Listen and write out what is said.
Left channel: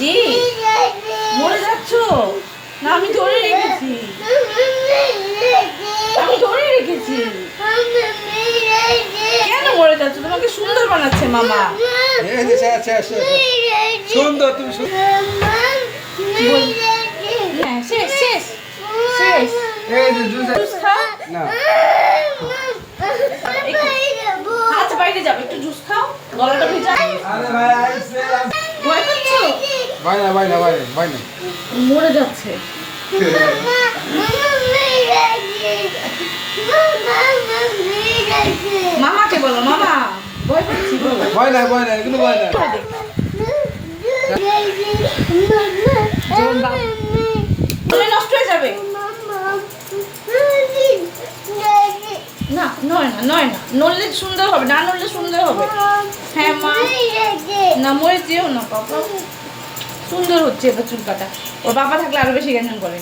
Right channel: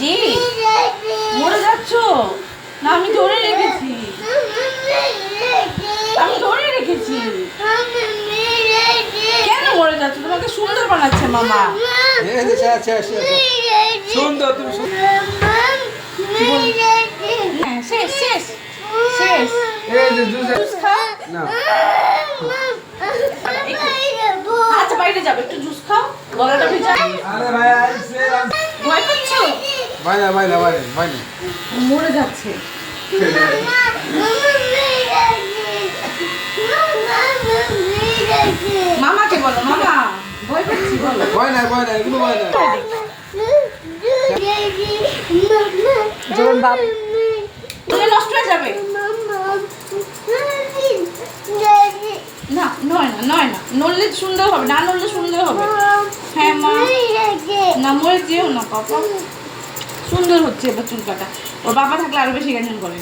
জি মরে যাচ্ছ না, আমি ধরে রেখেছি, আমি ধরে রেখেছি। কেন মরে যাচ্ছ? তোমাকে সুন্দর বানাচ্ছে মামা। সুন্দর তুমি হ্যাঁ, শেষ শেষ শেষ। জুস খাও? আচ্ছা বাইরে যাবে, একটু জুস খাও, গলাটা ভিজা। ভয় পাচ্ছ? মরে যাচ্ছে। মামাকে বলো, মামা ভয় পাচ্ছি বলো। যেমন বাপ বলে নষ্ট হয়ে যাবে। না নয় না, নয় না, নড়লে সুন্দর হবে, না নড়লে সুন্দর হবে। হ্যাঁ মা, না মরে যেও না বাবা, সুন্দর হচ্ছে এবার চুল কাটা। ওর বাবা থাকলে আরো বেশি গান করে।